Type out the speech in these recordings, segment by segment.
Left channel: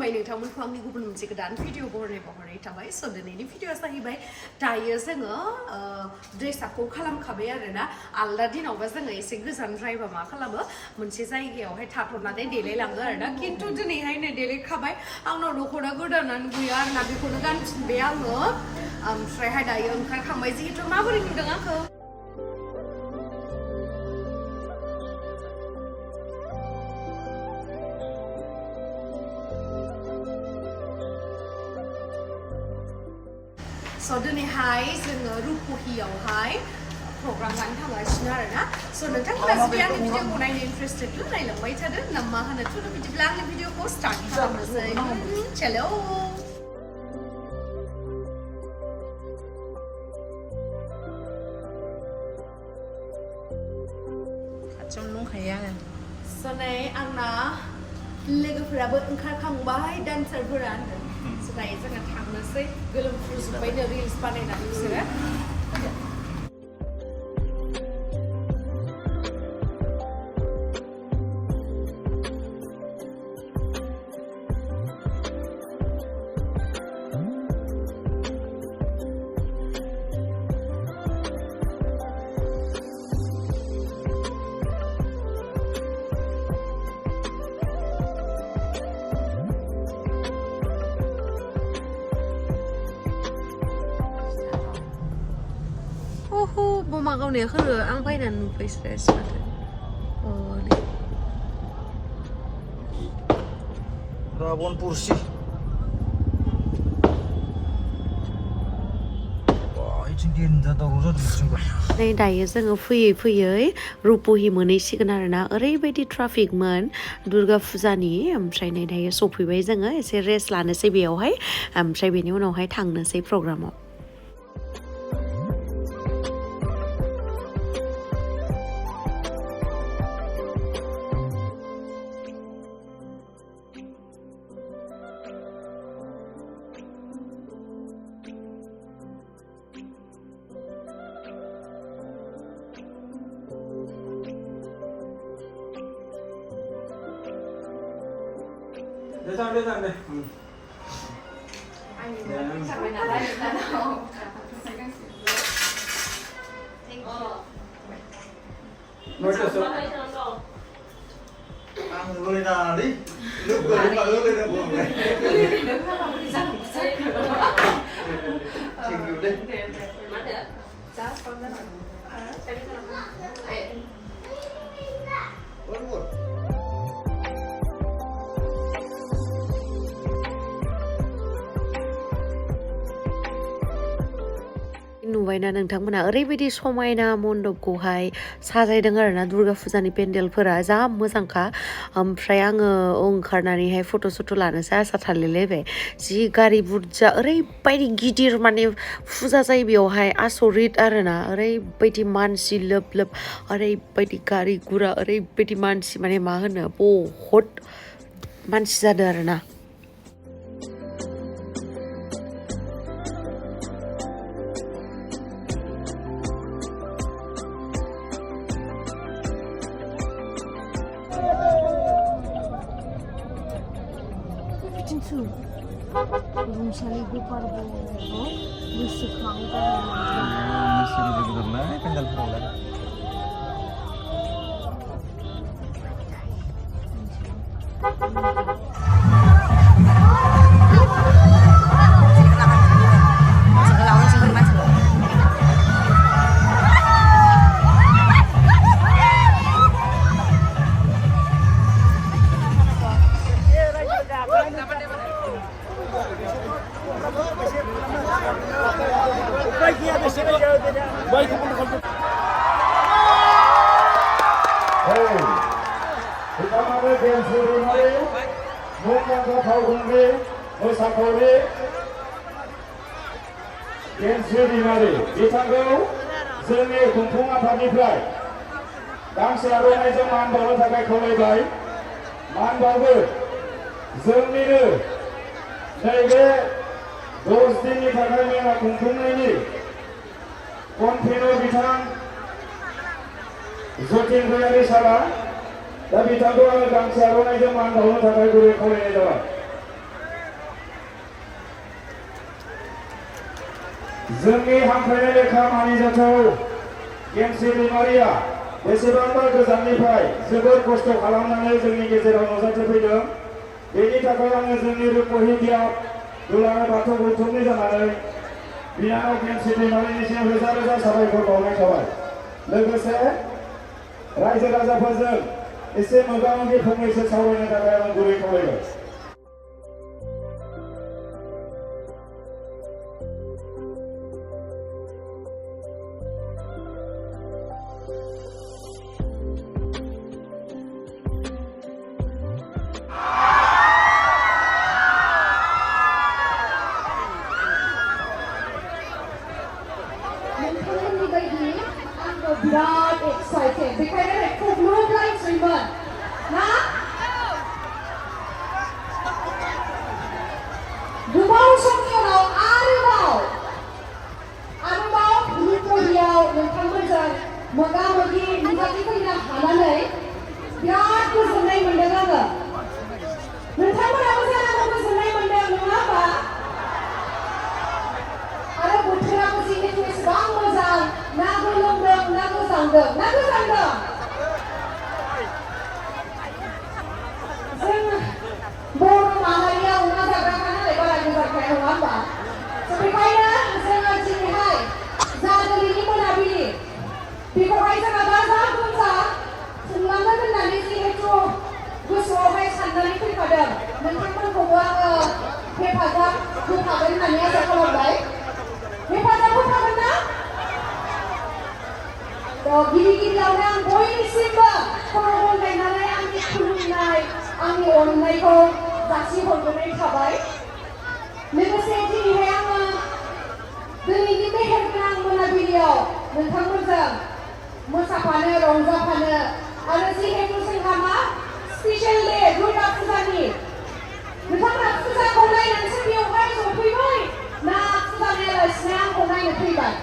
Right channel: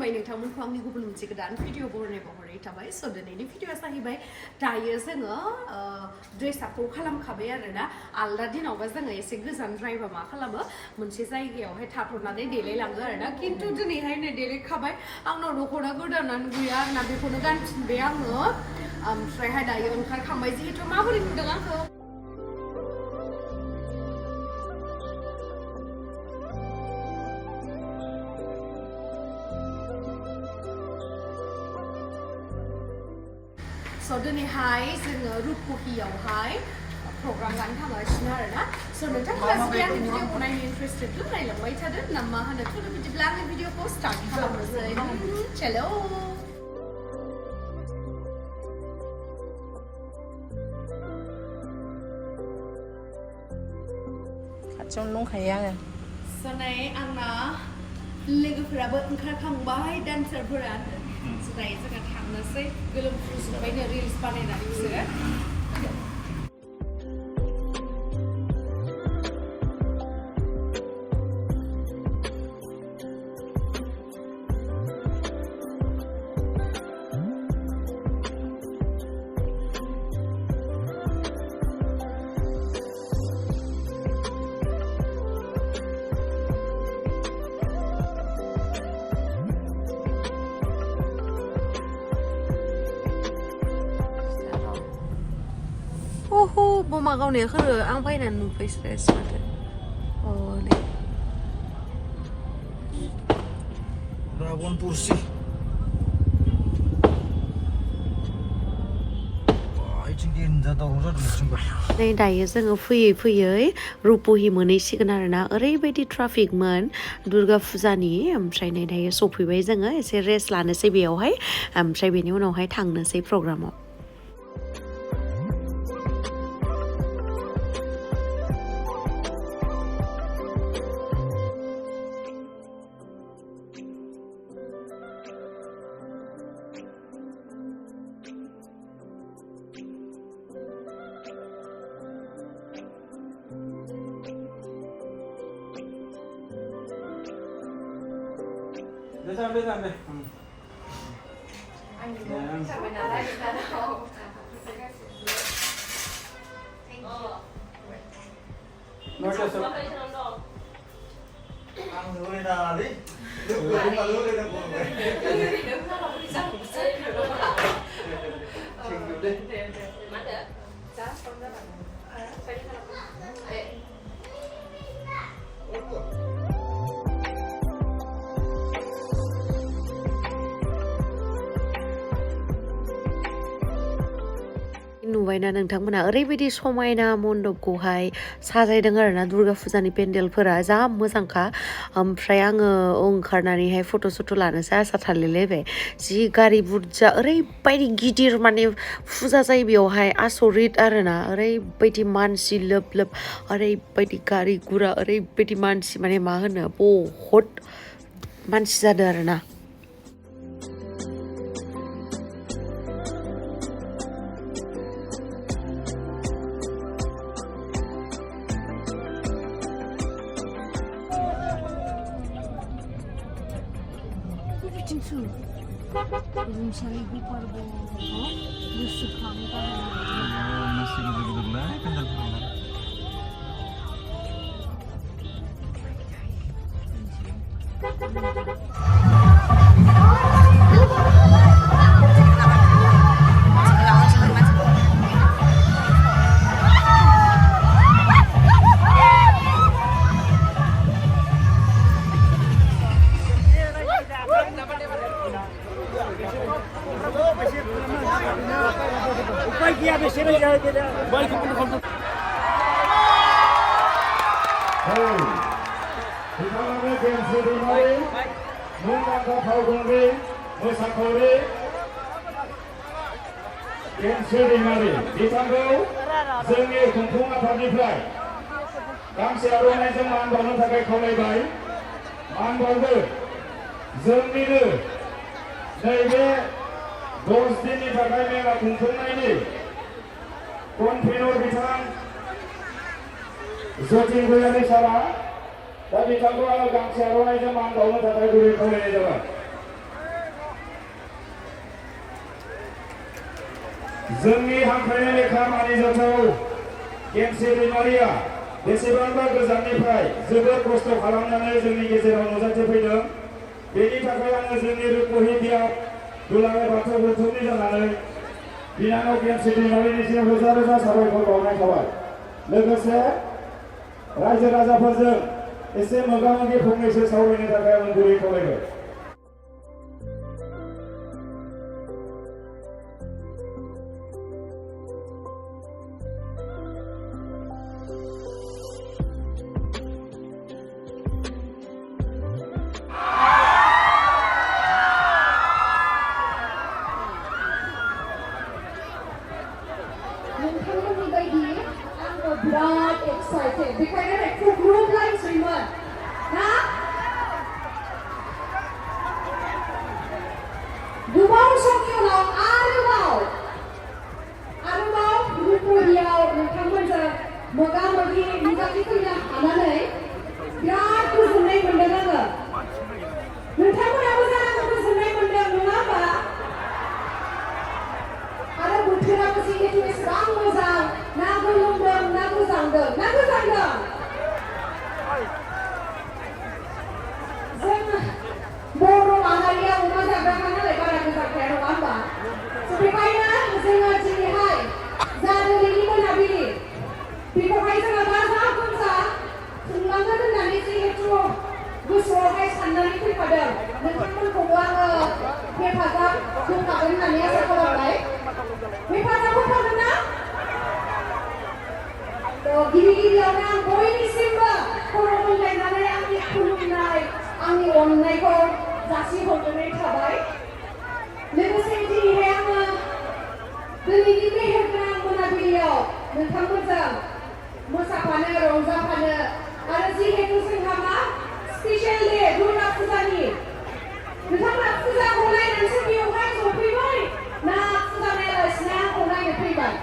खुलुमबाय नोंथांमोनखौ आंनि गुबुन मोनसे गोदान भिडिअ बहरनाय थाबाय स' दिनैनि भिडिअआ जाहैबाय दायो जोङो ड्रेसआपखौ खालामखाबाय आरोना आलदा दिनावबा जोङो एसे गोजानद्रायबा मा खालामो मोनसे जायगायावहाय थाथ'नानै देलायलाङो आरोना खिन्थु दिनैहाय नै देलायखाबाय आंनाव दख'ना गोदानानो गैया आरोना बेखौनो गानफिनबाय आङो ओमफ्रायहाय दायो ओंखारखांबाय जिहेथु माबोरै नुदों आंखौ स' दिनैहाय जोङो रुपहियावहाय प्रग्राम लानो थांगासिनो आरोना स' नोंथांमोना जुदि आंनि भिडिअखौ नायनो इन्टारेस्टेड नायलांबाय थादो ना मा होनो थ' बिदिब्ला आंनि भिडिअखौ स्टार्ट खालामनोसै चलो खाथियावनो दंखायो आङो स' नै आंना लोगोफोराबो ओंखारखांबाय डान्सारफोरा स' दायो जोङो थांनोसै गोलोमफ्रुजोब्बायनो रिल्स बानायनानै बिसोरो Mama kau ni kalau ang painan nupai stress macam, oh ni. Rawon kursi. Wah, ini dia dah urut juga. नै दायो जोङो फैयै फैयै रुपहि मोनहैसिगोन आरोना ओरैबायदि ट्राफिकमोन दुर्गा फुजानि ओमफ्राय नै दायो सफैबाय जोङो एसे रेस्ट लानोसै बेयावहाय ओमफ्राय बेनि उनावहाय थांनोसै प्रग्रामाव Lihat deh. Ang boleh nari, lu boleh kalau lu dah boleh. Cinggu deh. Mana? Cak, kau dah mana? Cari mana? नुबायना नोंथांमोना ओरैबायदि समायना मण्डपखौहाय साजायदों आरोना दुर्गा फुजानि पेन्डेलफोरा जा मोजांखा ओमफ्राय आङो ओंखारनानैहाय फट' सट' लानोसै आसा थालायलायबाय जि गारि बुरजा ओरैबायदि गिदिर माने फुजा जायो बेयावहाय आसरित आरोना ओरैबायदि मानसि लोब लोब ओरैबायदि गारि गुरा ओरैबायदि मानसि माने मा होनो बहुद मानसि जादों आरोना बिथांखौ जोंनि खुंफुं आफादनिफ्राय गांसे आर'नाइजों मान बावनो थाखाय खावलायबाय मान बावो जोंनिनो नैबे 10 दिननि थाखाय मेला खुंफुंनायनि कनभेनर बिथां जतिन गयारि सारा दा बिथांखौ आङो गांसे आर'नाइजों मान बावनो थाखाय गुरै खावलायनाय जाबाय जोंनि हांख्रायनाय लेखा मानिजाथाव गेमस्रि दैमारिया बेसेबांबा गोजाननिफ्राय जोबोद खस्थ' खालामनानै जोंनि गेजेराव नुजाथिफैदों। बेनि थाखाय आङो जोंनि रुपहि बियाब दुलाराय बाथौ गौथुमनि जानानै बिनानाव गेमस्रि दैमारिनिसिम रोजा रोजा साबायखर बावनाय थाबाय। लोगोसे रायजो राजाफोरजों एसे मोगा-मोगि फंनैसो सावरायनो थाखाय आं गुरै खावलायबाय। बिराद एक्साइटेड बेखायनो खुग्लुबलायसैमोन ना गोबां समनि उनाव आरोबाव रुपहियाव नोंथांमोनजों मोगा-मोगि नुजाथिफैनो हानानै बिराद गोजोननाय मोनदों आङो। नोंथांमोनाबो जानांगौ गोजोननाय मोनदों नङा होमबा? आरो बोथोराबो जिहेतु एसेबां मोजां ना गोलोमदों ना गोजांदों ना गोजांदों जों बर' माहारिया अमा जाग्राखा नालाय बारा गोजांखाया नङा होमबा? बेखायनो जोङो दिनैहाय जा दिनैनि मोनाबिलि बेखौहाय जोङो गाजा गोमजा खुंलांगोन होननानै जिहेतु गोसोआवहाय साननानै फैखादों। नोंथांमोनखौबो आङो हेफाजाब होफागोन होननानै आसा खालामबाय। हेफाजाब होफागोन ना? गिबियावनो आं बयनिसिमबो खर' गंग्लायनानै आंनि खुलुमनाय आंनि अननायखौ जासिहरनानै थाबाय। लोगोसे दिनैहाय आङो दिनैनि मेहेरगोनां मोनाबिलियाव नोंथांमोनजों मोसाफानो रंजाफानो आरो जिहेतु जोंहा मा स्पेशेल डे दुर्गा फुजानि नोंथांमोना फुजाखौ नायनोसो बेवहाय सफैबाय ना फुजा नायालासिनो आंखौ नायनो फैबाय?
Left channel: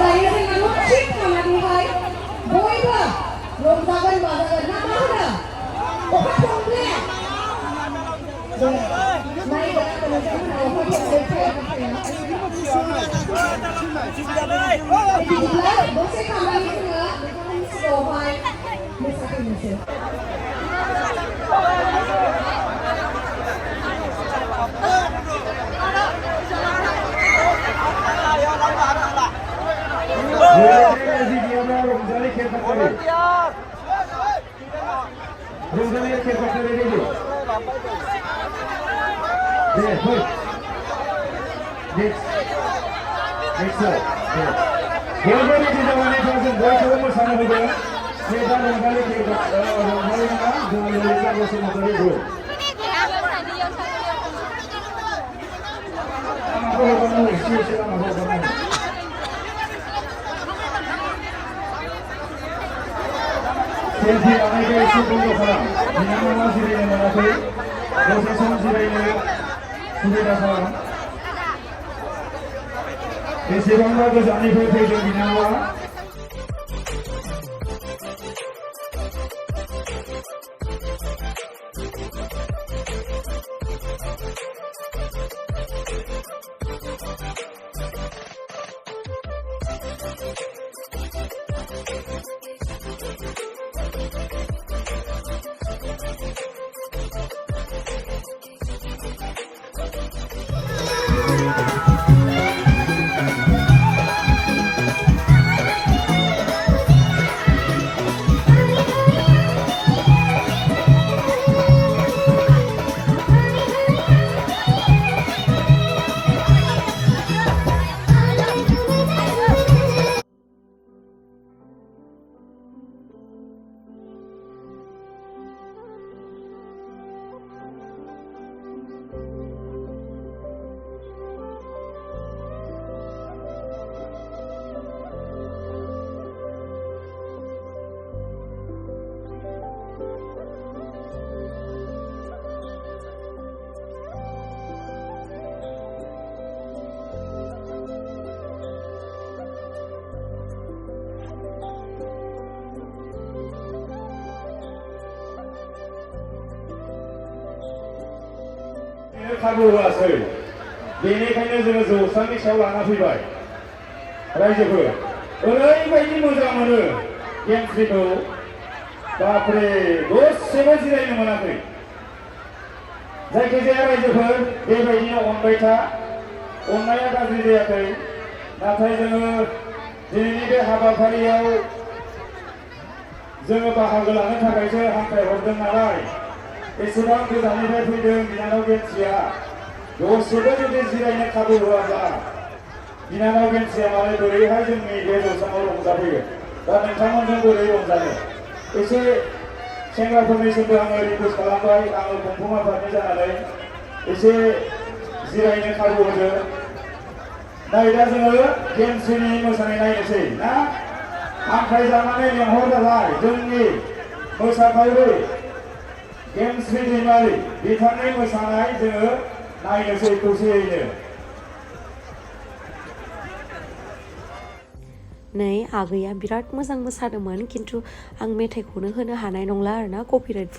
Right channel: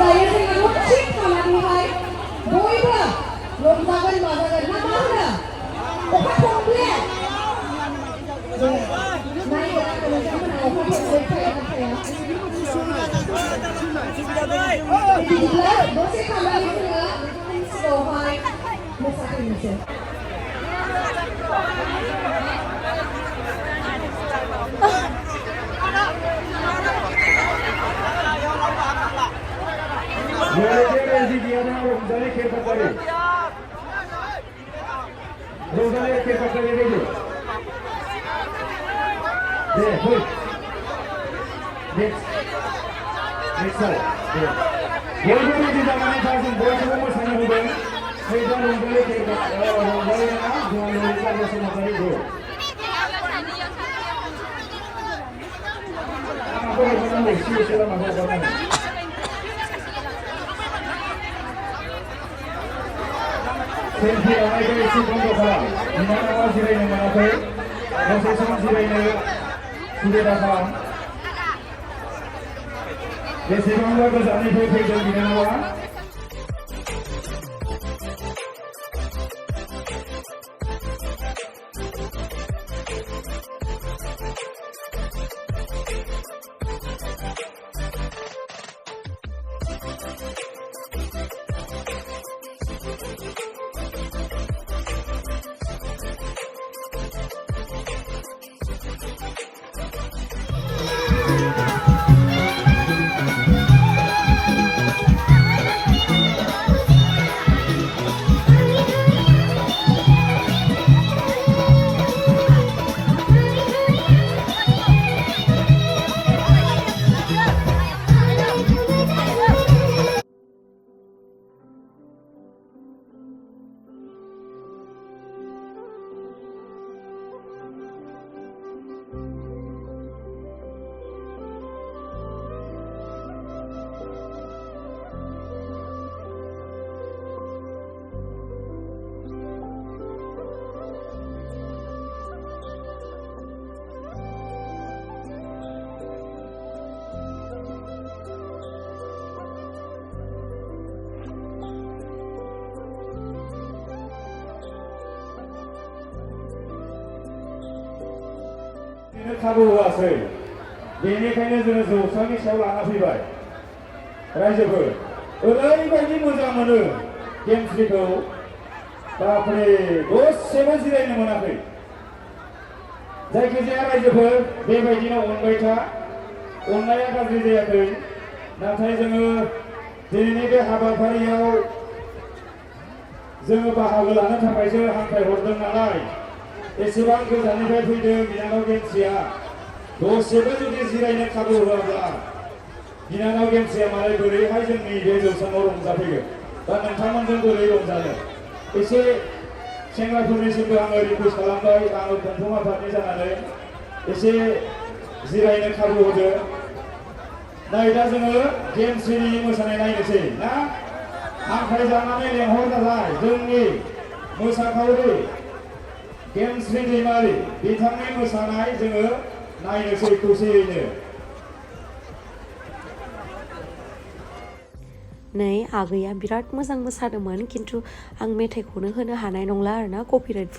दायो जोङो थिग खालामनानैहाय बयबो रंजागोन बाजागोन ना मा होनो? अखा थंब्ले नायगोन आङो नोंथांमोना अखा थंब्ले थाया ना थाया? बिदिब्ला दसे खालामनानै जोङो नोंथांमोननि सिगाङावहाय मोसाफैनोसै। बेसेबांबा गोजाननिफ्राय फैदों बिनानावा खाबु होआसै बेनिखायनो जोङो जौस्रांनि सायाव लाना फैबाय रायजोफोर ओरैबायदि मोजां मोनो गेम्सखौ बापरे दसेबो जिरायनो मोनाखै जायखिजाया रायजोफोर बेबायदिनो अनबाय था अननाया गाज्रि जायाखै नाथाय जोङो दिनैनि बे हाबाफारियाव जोङो बाहागो लानो थाखायसो हांख्रायहरदों नालाय एसेबां गोजाननिफ्राय फैदों बिनानाव गेमसिया दसेबो जुदि जिरायनो खाबु होआब्ला बिनानाव गेमसिया मालाय बोरैहाय जोंनि बे जौस्राङाव रंजाफैयो दा नोंथांमोनजों बोरै रंजानो एसे सेंग्राफोरनिसिमबो आङो रिकुवेस्ट खालामबाय आङो खुंफुं आफादनि जानानै एसे जिरायनो खाबु होदो नै दा जोङो गेमसिनि मोसानाय नायनोसै ना हांख्रायजानानै लेंहरजाबाय जोंनि मोसाखावरि गेमस्रि दैमारि बिथांनि मोसानाय जोङो नायनोसै खौसेयैनो नै आगैया बिराद मोजां मोसादोंमोन खिन्थु आं मेथाइखौनो होनो हानाय नंला आरोना कपिराइट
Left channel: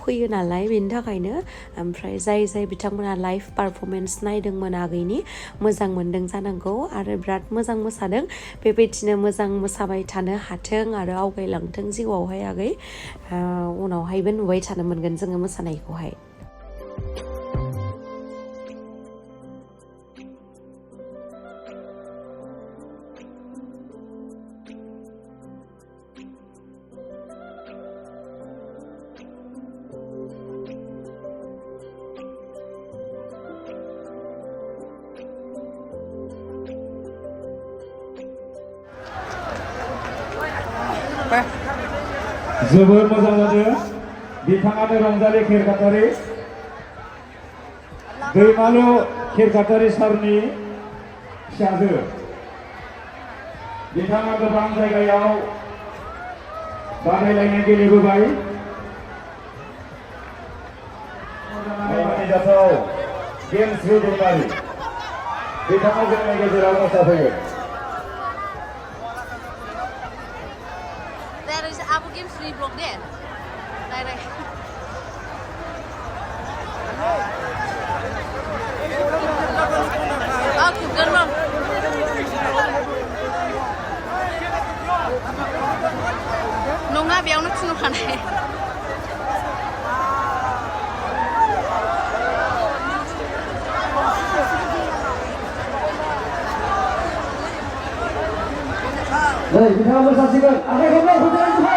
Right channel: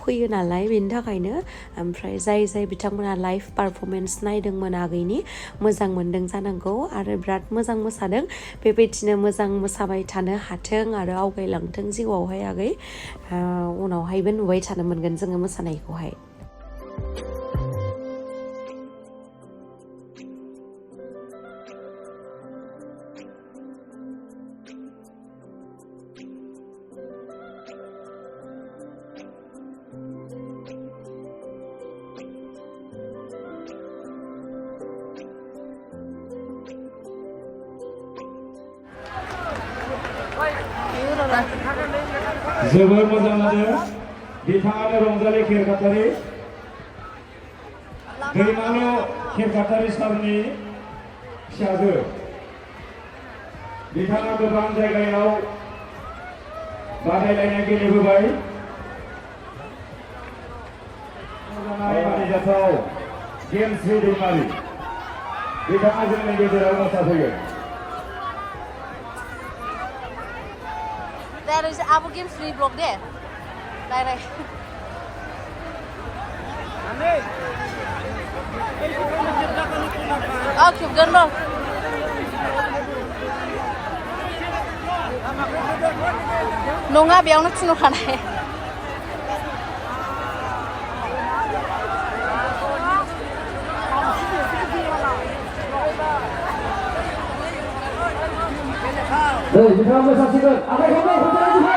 फैयो नालाय बेनि थाखायनो ओमफ्राय जाय बिथांमोना लाइभ पारफरमेन्स नायदोंमोन आगैनि मोजां मोनदों जानांगौ आरो बिराद मोजां मोसादों बेबायदिनो मोजां मोसाबाय थानो हाथों आरो आवगायलांथों जिउआवहाय आगै उनावहायबो नुबाय थानो मोनगोन जोङो मोसानायखौहाय जोबोर मोजां जादों बिथाङानो रंजालि खेरखातारि दैमालु खेरखातारि सारनि फिसाजो बिथाङा गोबां जायगायाव बादायलायनाय गेलेबोबाय मानिजाथाव गेमस्रि दैमारि बिथाङा जोंनि गेजेराव मोसाफैयो There is Abu Games free block there. Right. Okay, done now. Nonga biang nak sino kanai. Baik, kita bersasikan. Ada kabar putera juga.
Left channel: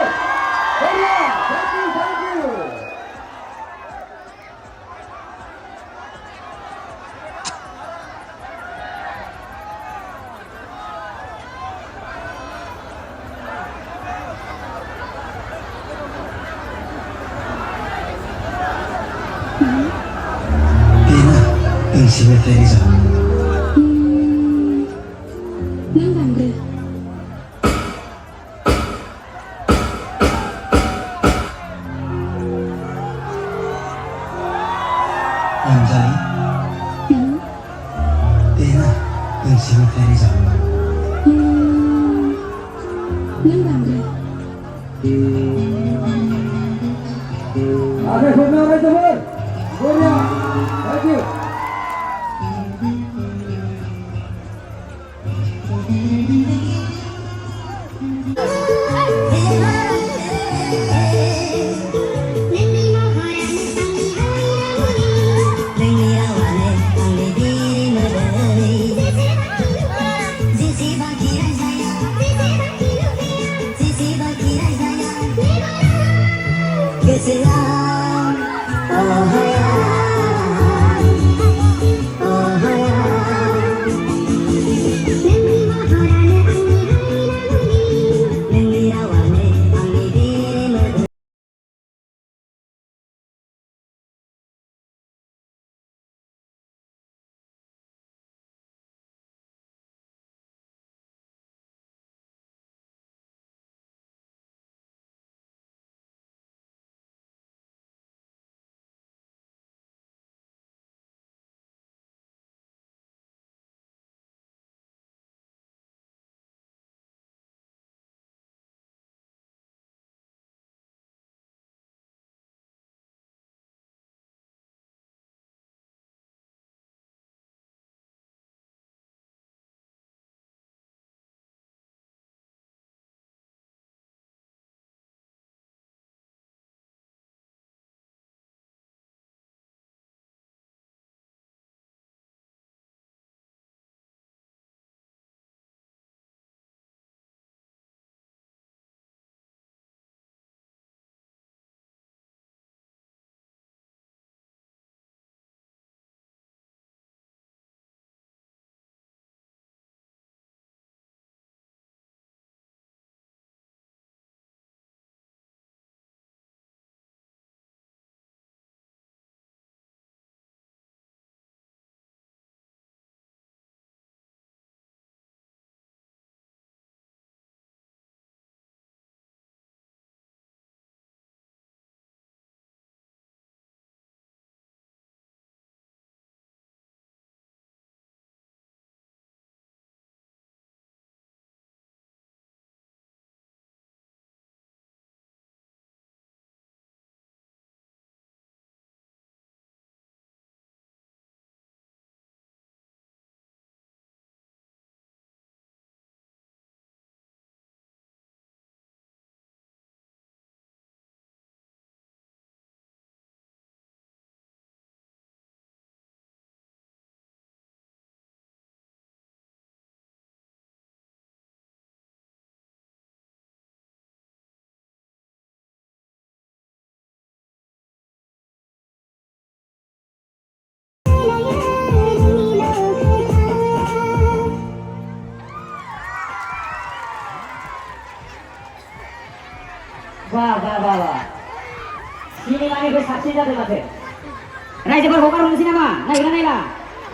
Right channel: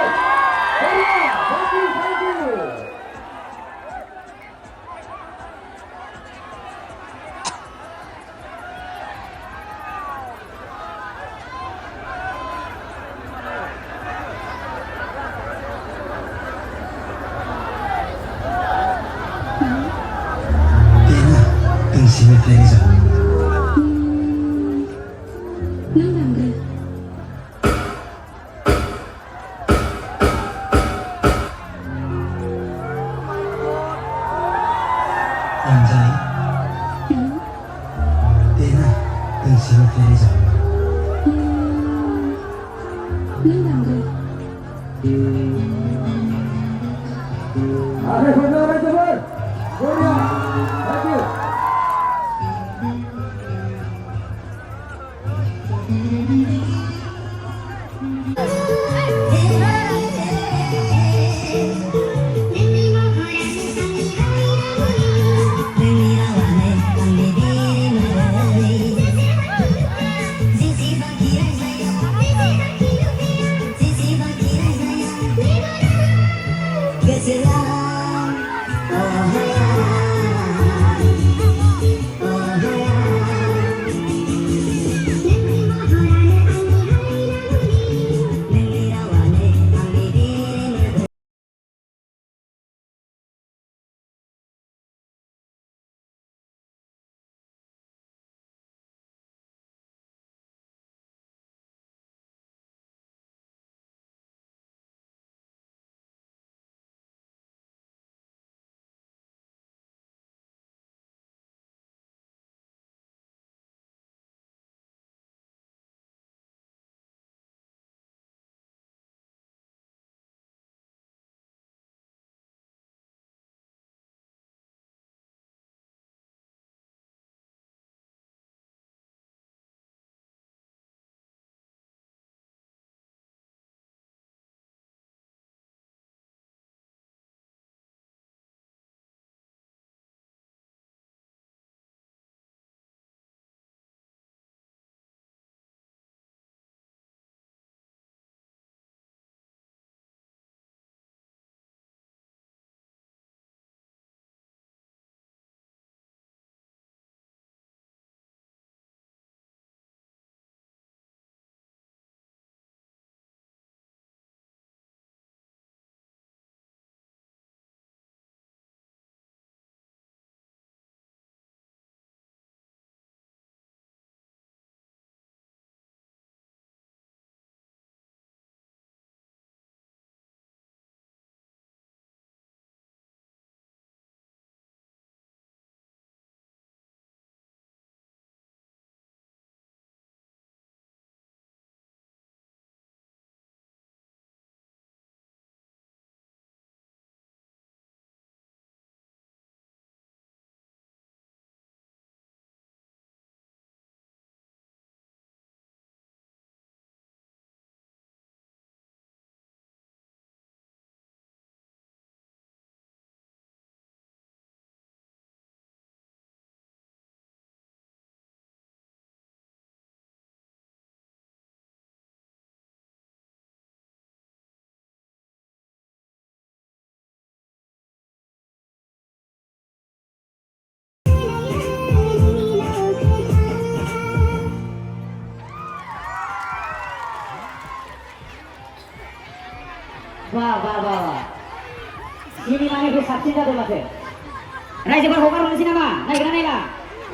रायजोफोर हगारनोसै नामा नायगोना नायला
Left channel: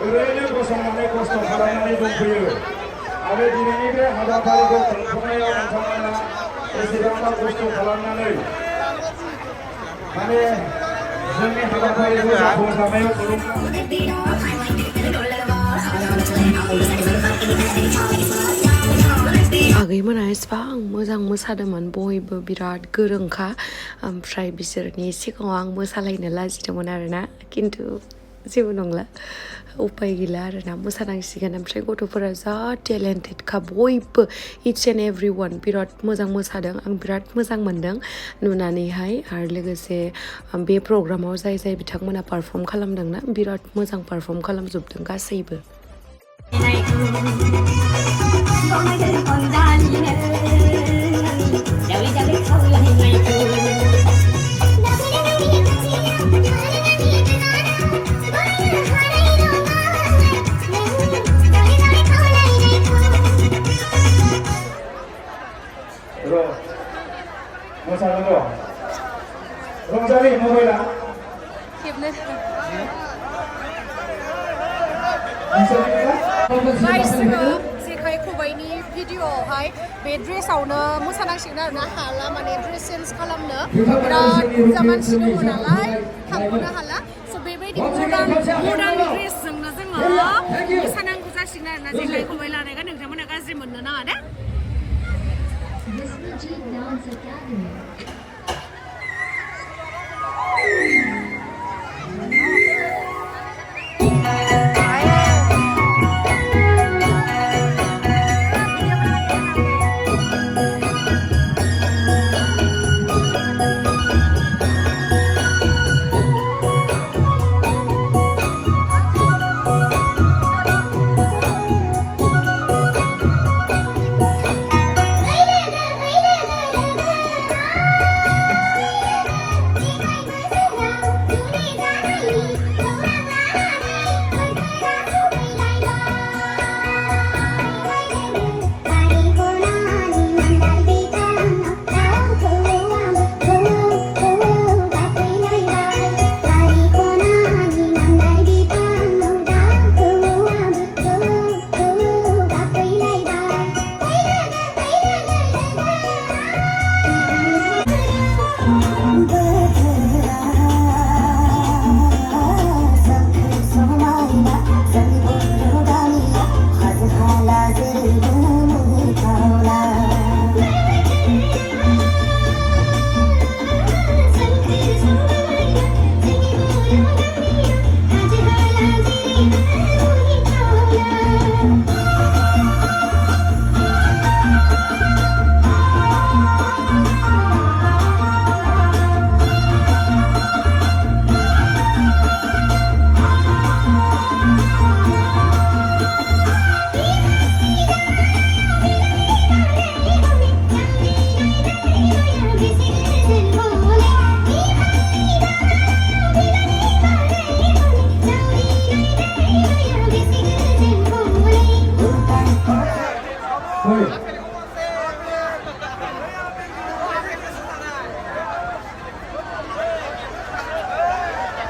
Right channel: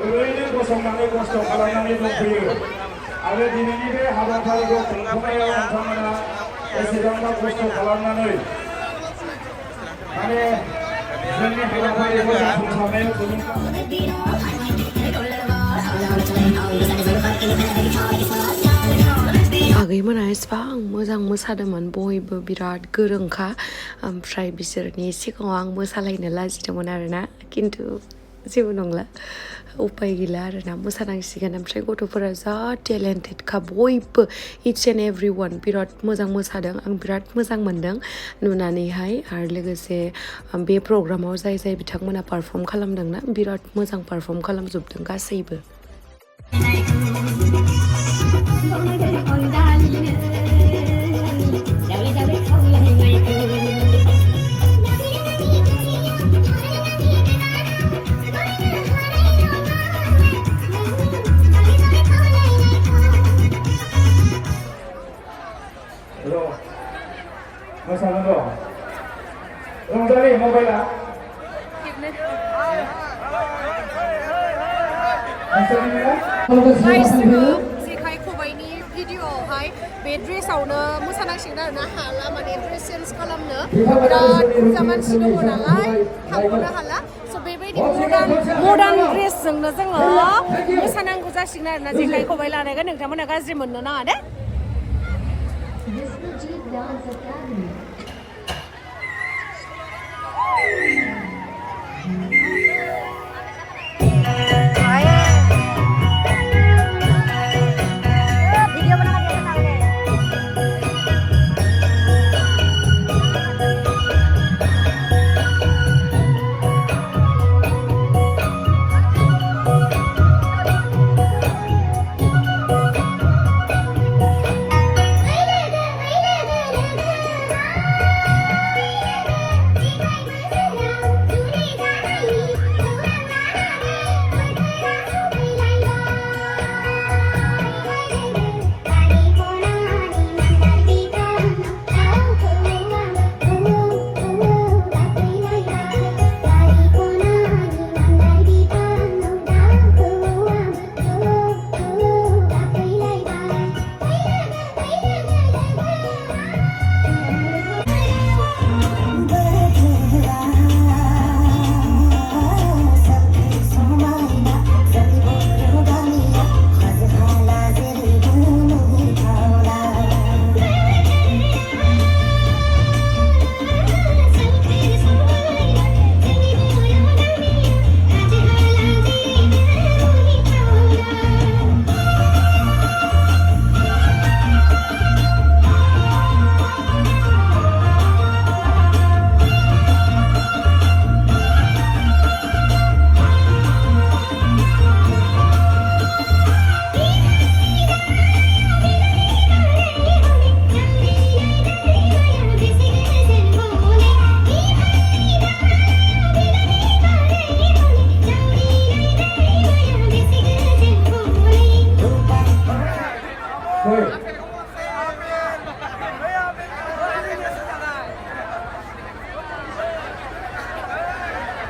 ओरैनो गसंनानै खस्थ' खालामनानै दंफैयो आरो दिनैनि बे हाबाफारिखौ खुंफुंनायाव नोंथांमोना एसेबांबा खस्थ' खालामनानै माने जोंनि हाबाफारिखौ जाफुंसारनायाव आगैमोना एसेबां मोजां मोसादोंमोन बयबो बिराद गोरोंखा ओमफ्राय बिसोरनि सिगाङाव आं मोसालायनो लाजिदोंमोन आरोना खिन्थु जेबो नंला उपाय गैला आरोना मोसानांसिगोन ओमफ्राय गथ'फोरा जा टेलेन्टेडखा बयबो इच एन्ड एभ्रि वान बिराद मोजां मोसादों आं बिराद मोजां मोन्दों नुनानैहाय आरो लोगोसे बे प्रग्रामाव जाय जाय बिथांमोना पारफर्म खालामदोंना बिराद मोजां पारफर्म खालामजोबदों गासैबो मोसागोन र' रंजालि मबाइला गाइस जोङो जेखाइ खबाइनि भिडिअआवहाय बे ड्रेसावनो मोसानांसिगोन आरोना हाला माने ड्रेस चेन्ज खालामनो बिराद बुरजा मानसि दङ नालाय थांग'नो हाला स' बेबायदि मडार्न ड्रेसजोंनो जोङो मोसानांगौ जासिगोन आरोना जेखाइ खबाइ लानायखौ नोंथांमोना गाज्रि मोननो नाङा दे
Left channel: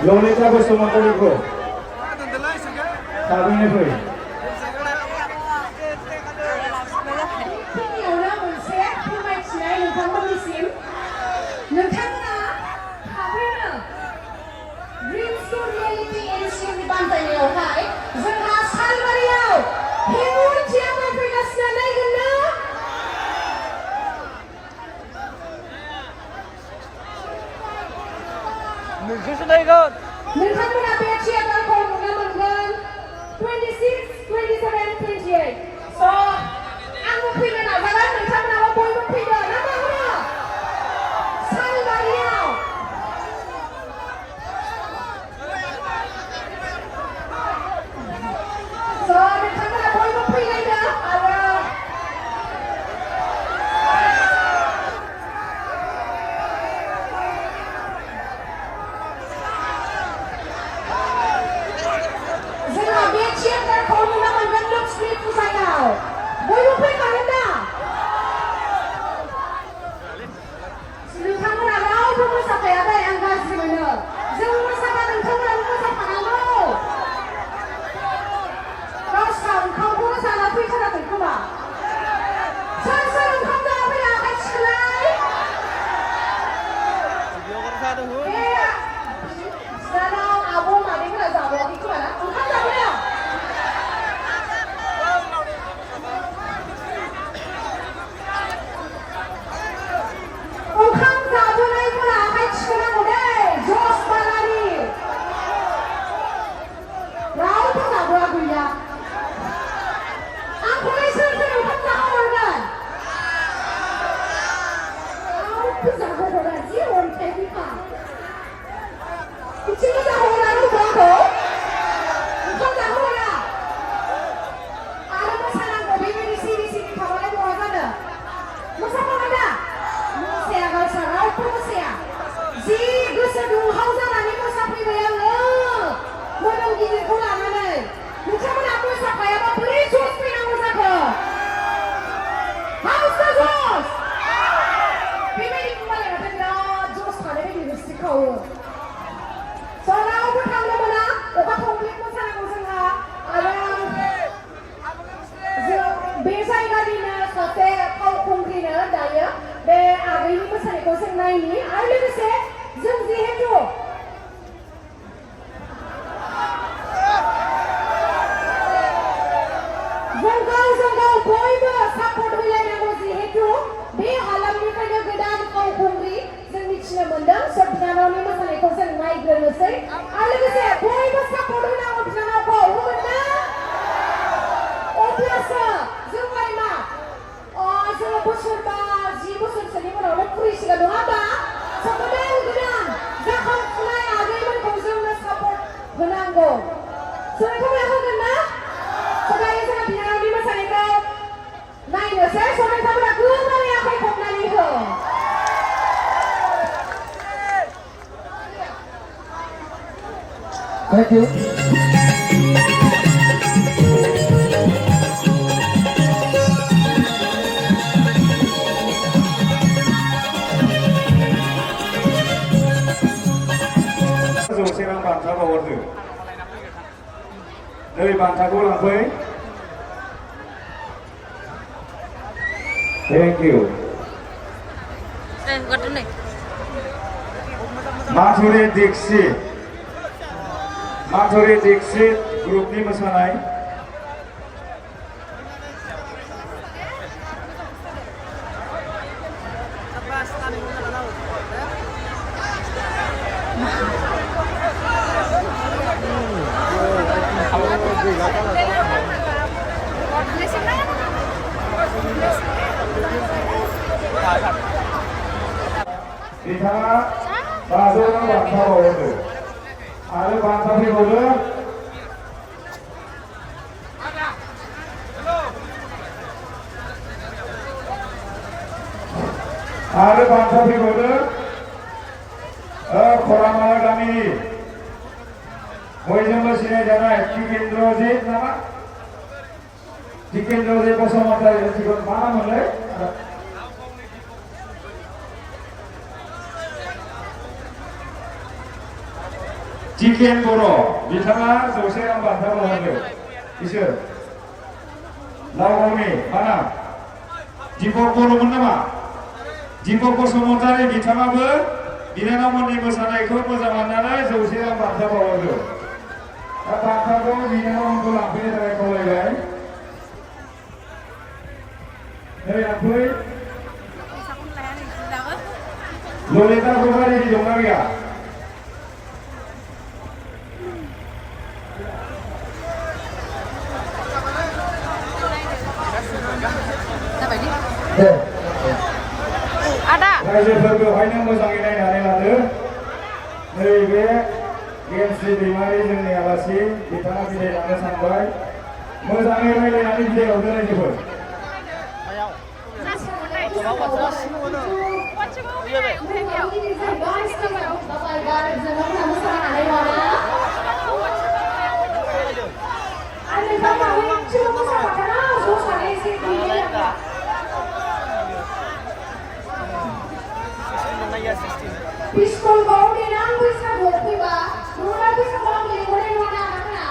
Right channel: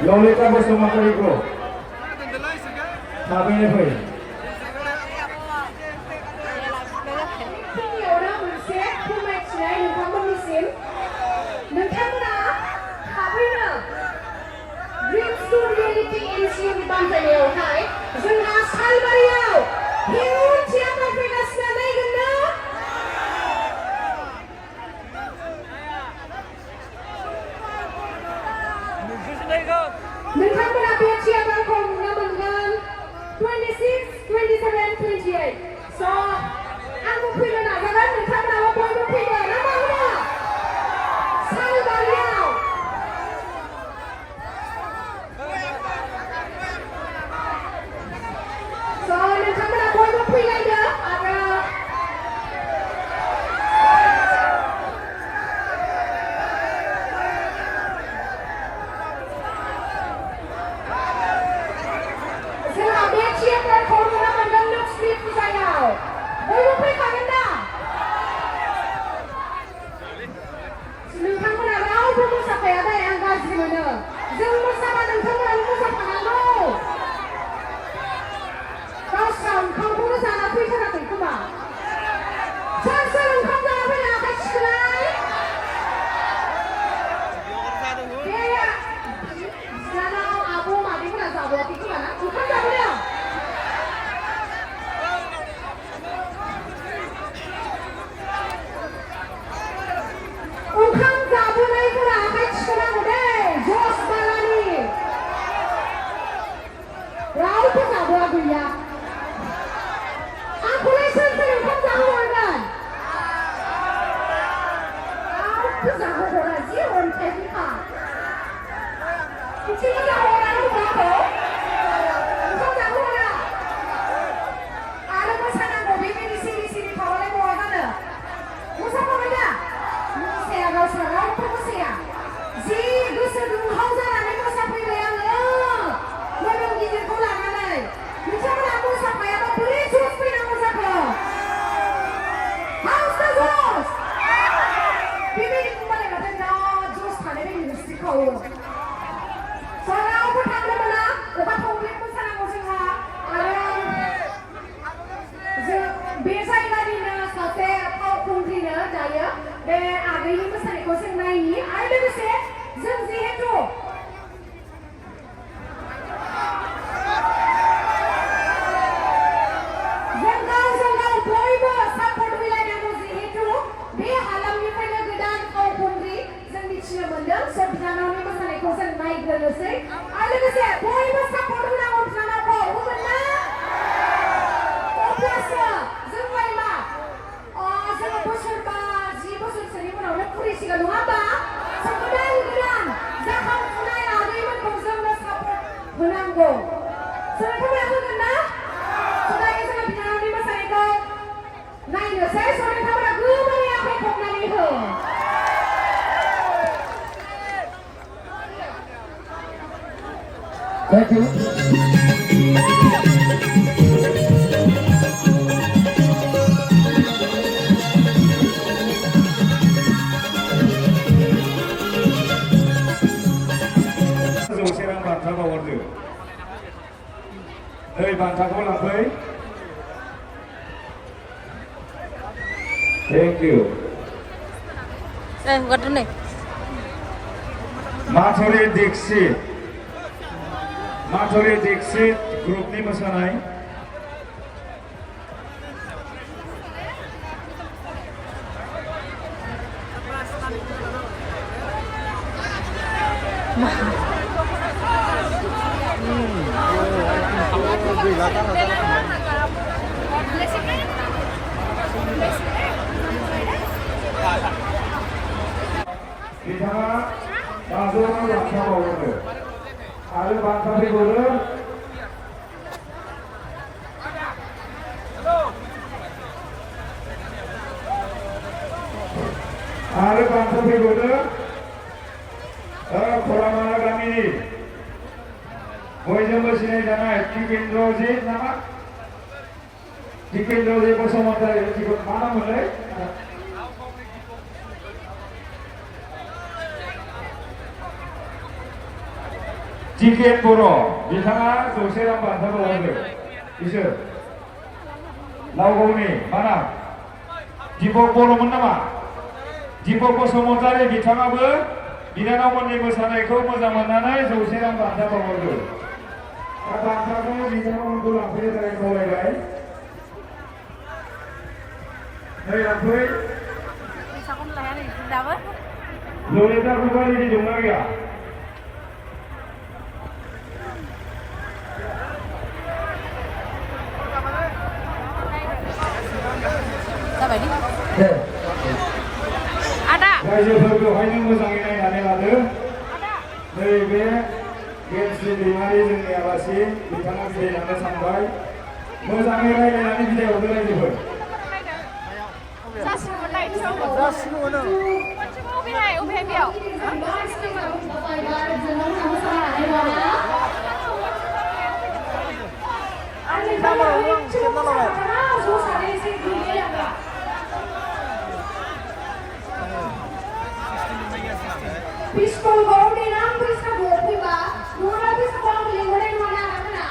Lolita Bosomotariku Sabine fै नोंथांमोना बे थियेटारखौ नुनो मोनगोन 26, 27, 28 स' आंबो फैनो नाजागोन नोंथांमोनाबो बयबो फैदो ना मा होनो सालबारियाव स' नोंथांमोना बयबो फैलायदो आरो मोसानायनि आरो लोगोसे जों जिहेतु जों गावजों गाव बयबो सापर्ट होलायनांगौ जिहेतु बे हालामनिफ्रायनो गोदान फावखुंग्रि जों मिथिनो मोनदों स' बिनानावनि मोसानायखौ जों नायग्रोनोसै आरो लोगोसे बयबो सापर्ट होनांगौ बिनानावखौ होगोन ना अब्लासो जोंलाय मा जोङो बोसोरबा 10 बोसोरसोनि उनावनो फुरिसिगोन नङा होमबा स' गोदान गोदान जाखांफुनाय आगैमोनखौ जोंनो सापर्ट होनांगौ स' नोंथांमोना होगोन ना स' दायो जोङो बिनानावनि मोसानायखौ नायनोसै स' नोंथांमोना गोबारै आखाइ खबनानै हो Thank you. Thank you. Gak nih. Mathuri Dixit grupni mosanai. Bicara bahasa bangsa baru, ada bangsa baru. Ada bangsa baru. Koramaya kami ini, Moizem bersini dana tiket rozi nama, tiket rozi kosong antara tiket mana mulai? Tiket buro, bicara sosial bangsa baru, isir. Lagu ni mana? Tipe buro mana? Tipe kosong antara bicara ber. बिनानावमोननि मोसानायखौ मोजां मोननानै जौसे रां बान्था बावहरदों दा बान्थाखौ बिनानावमोनखौ लांफैनो थाखाय खावलायबाय नै लांफै ललिताखौबो रेडि दंना गैया रायजोफोरखौहायनो मोजाङै नायनानै लादो नैबे गेमस्रि दैमारि जोंनि आलासि बिथाङा बिदाय लांनो सानबाय मोजाङै रायज्लायनानै बिदाय हरदो रायजोफोर Pistol baru dirang bisa gopi ba, mula bisa bawa beli goreng mana mana.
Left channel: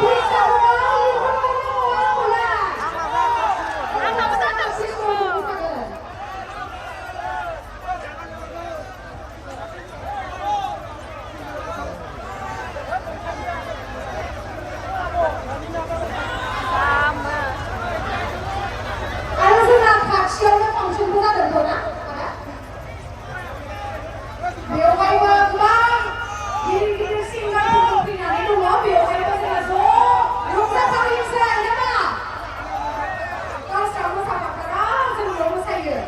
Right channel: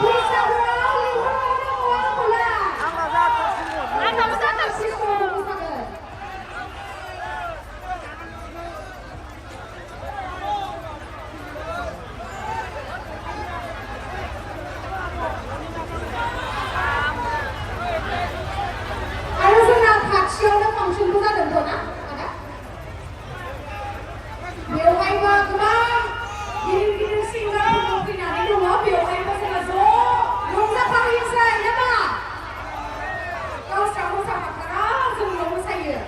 Bisa bawa beli goreng mana mana. Siapa fungsi buka dan kona? Ada? Biawai bang, gini singgah pemimpinan itu mau biawai pasal so, mwsabai saya ya bang. Kalau kamu sama terang sebelum saya.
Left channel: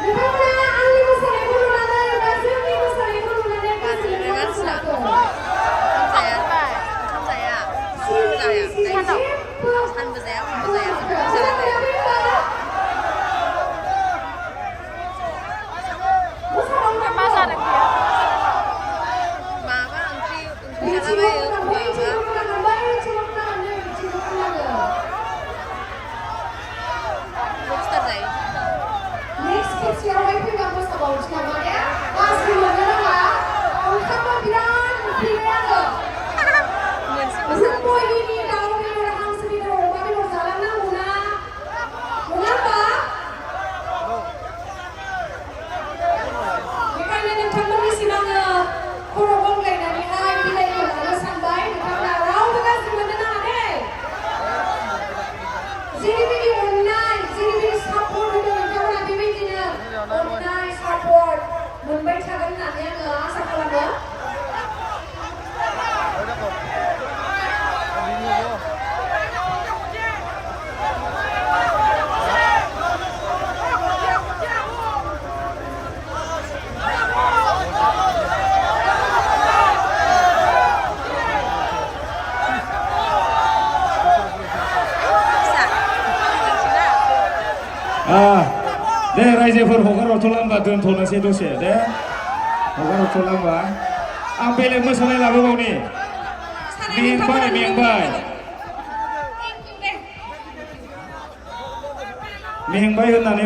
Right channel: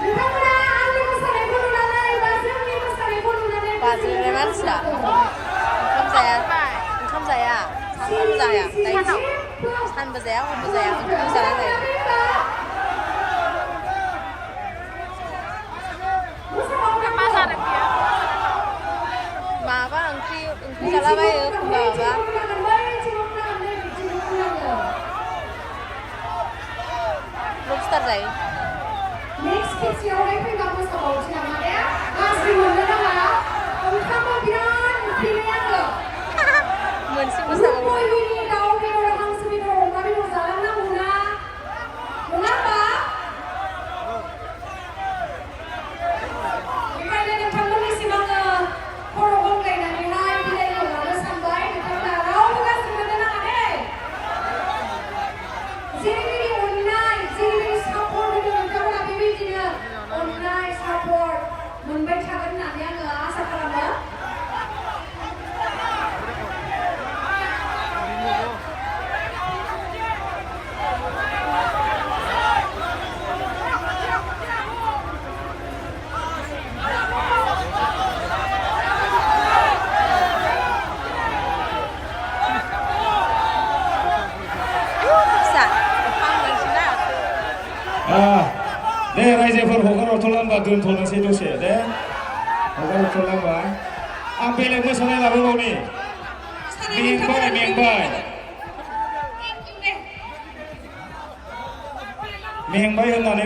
Lepas ahli masalah itu nana, bahasa ni masalah itu nana. Bahasa ni mana? Kamu saya, 산 보세요, 혼 보세요. 괜찮아요. 마바 응키 잘라봐요. 마바. 롭스터 자이. Next kids yang away pun kamu sebab macam mana? Kasih mana lah? Kamu bilang pilih apa? Mansifwr. Rupohi ni kau memang दे रायजोफोर हगार हरथ'लांबा दोनथ'नोसै दसे दे हगार हरथ'लांबा आं बेलेग मोसानाय लाबोबावनि मेंबाय होननानै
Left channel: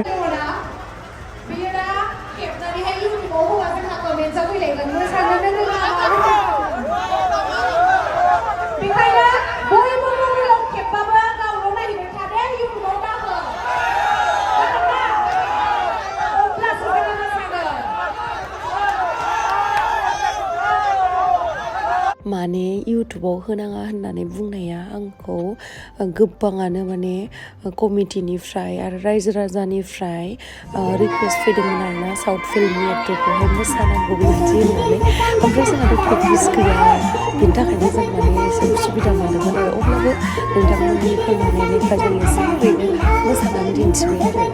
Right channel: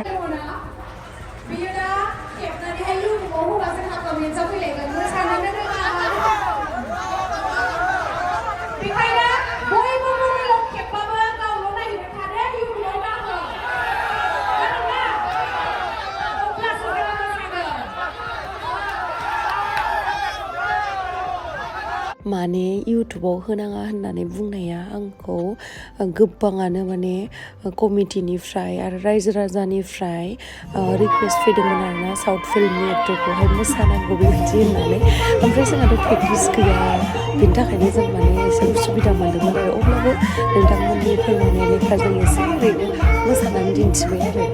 बियोना खेबनानैहाय uniform हौवा जोंहा कमेन्टआव फैलायगोन मोसानो रोङा बेखायनो बयबो मबाइलाव खेबबाबो गावल' नागिरबाय थादो इउनिफर्म दाहो अब्लासो जोङो मोसागोन माने इउटुबाव होनाङा होननानै बुंनाया आंखौ गोबाङानो माने कमिटिनिफ्राय आरो रायजो राजानिफ्राय रिकुवेस्ट फैदोंमोन आरोना साउथ फिल्मनि एक्टरखौहाय मोसानांगौ बेबायदि होननानै ओमफ्राय जोंहाथ' प्रेक्टिस गैया बिनि थाखायनो जों माने एसे उसुबिदा मोनदोंमोन आरो अब्लाबो नोंथांमोननि फोरमायनाय लेखा जों एसे ओरैनो मोसानानै दिन्थिबाय आरो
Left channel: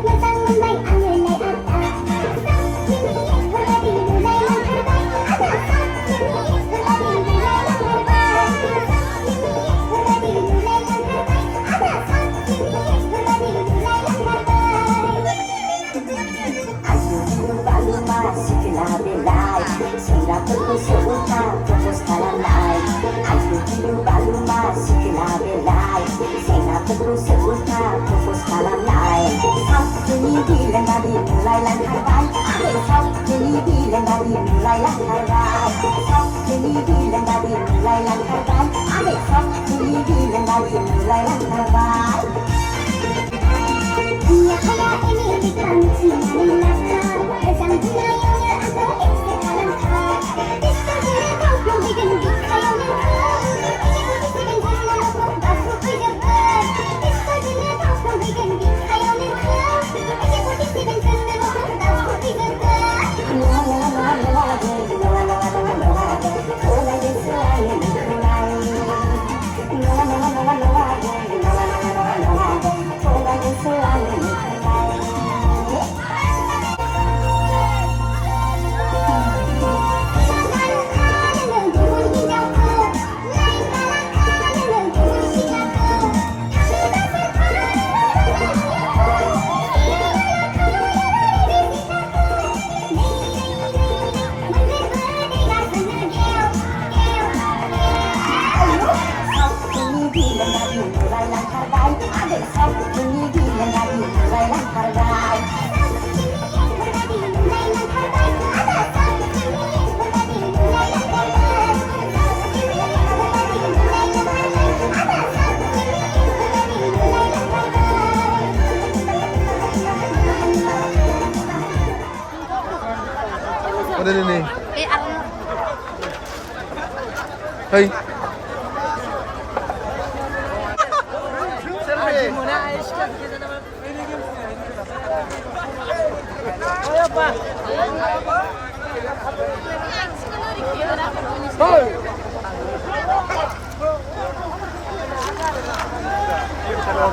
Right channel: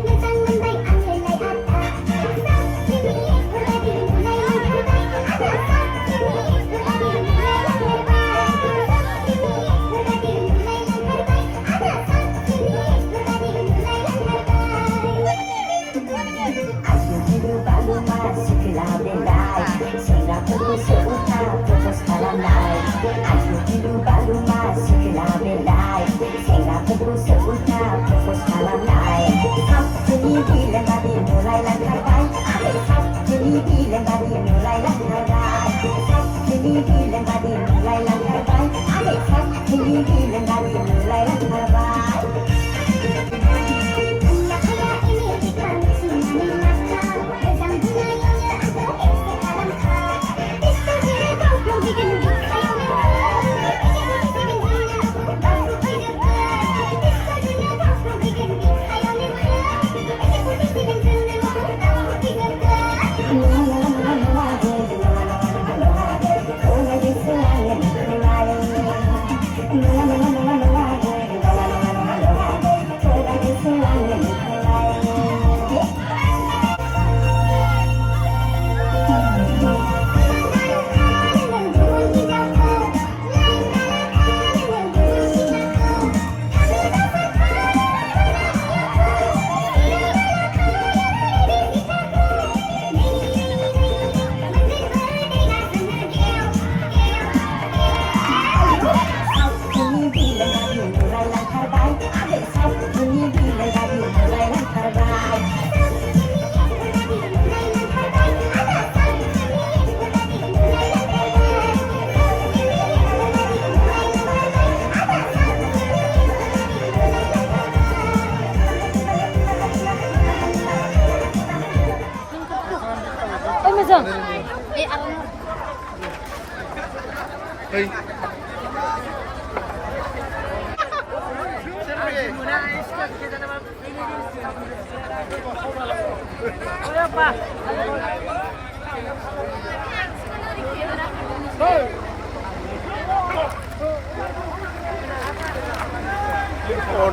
Hey.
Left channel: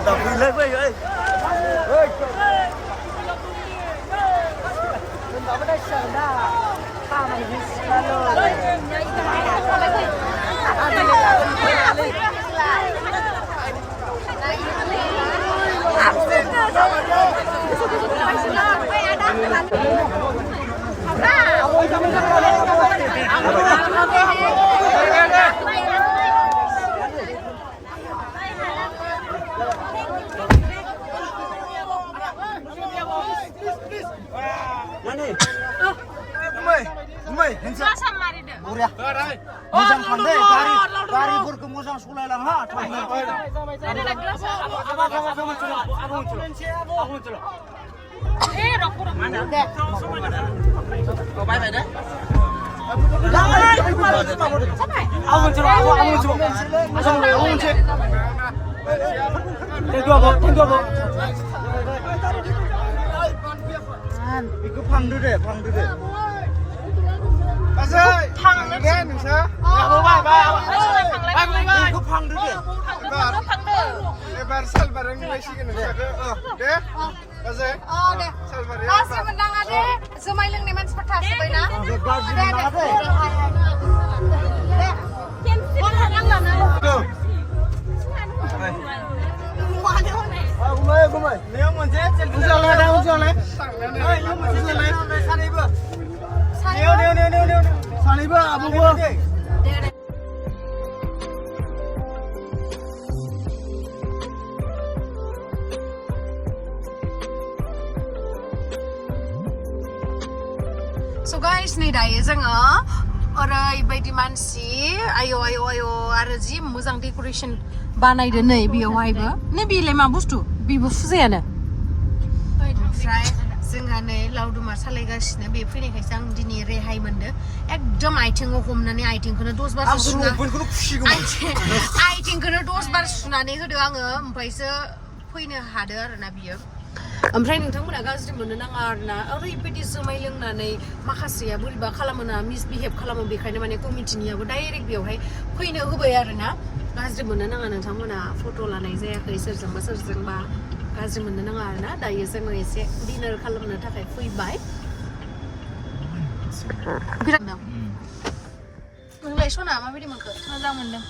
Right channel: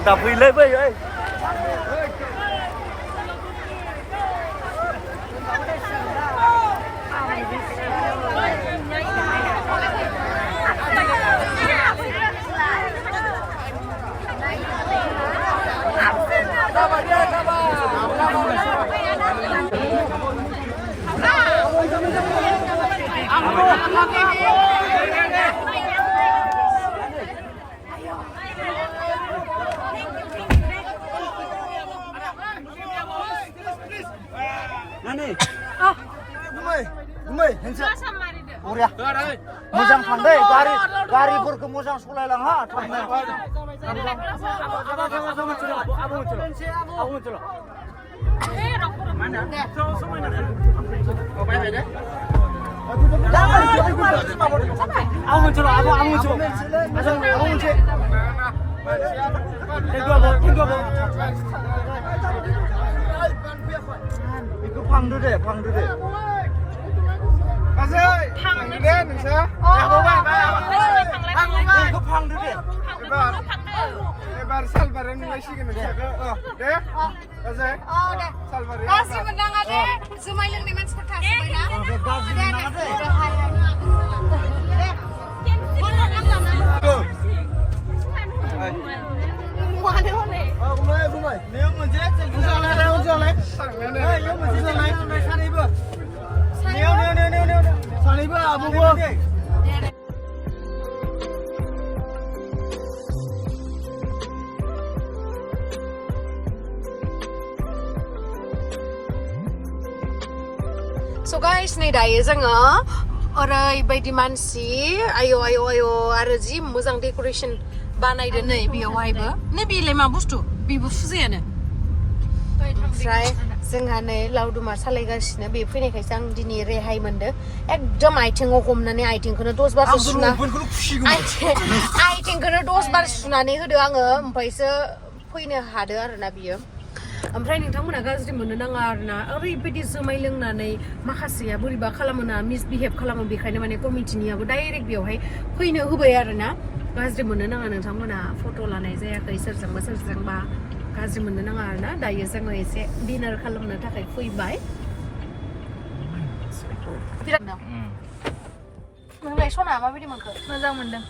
Đập lên với ơi. Gumai, handsome. Mo장 pandai, gari mo장 sekolah lang ha. Mana? Bye bye dah. Aku muncul. Thank you, Abu. Iku pang dulu deh. Pang deh, bisa? Oh, bye. Iku pang dulu deh. Ebar salbar ini masih kena. Deh. Masih? Oh, deh. Salbar ya. Masih menang ada. Semua yang nemen seperti sebenarnya. Tuh. Gumai. Dia mau jep, So guys, नै दायो जोङो ओरैबायदि मानसि आयौ आरो जि मोजां decoration बानायदो नै बेयावहायबो नै बेलाय मा बुस्थु बेबो फुजायानो ओमफ्राय जोंहा नै लावदुमा सालायगासिनो बे फैनायखायसो आं दिनै रेहाय मोनदो एकदम आथिङाव हमनानै आथिंखौनो 10 बार सुना आथिंखौनो 10 बार सुनानै होदो आङो ओमफ्रायसो फैनो हादो आरोना बियो ओमफ्राय नोंथांमोना गाज्रि मोननो नाङा आरोना ओरैबायदि जुमाय लोंनानै माखासेया बोरैबा खालामोना मिसबिहेभ खालामो बेखायनो माने कमिटिनियाबो डाइरेक्ट बेयावहाय फैनो होबाय आरोना गाज्रि मोननो नाङा नोंथांमोना फट' लानाय जायाखै सोरजोंबा गाज्रि मोननो नाङा आरोना दायो जोङो एसे डिनार खालामनो थाखाय फैबाय बिराद नोंलाय सना माबायदि मोनखो मोजां मोनदों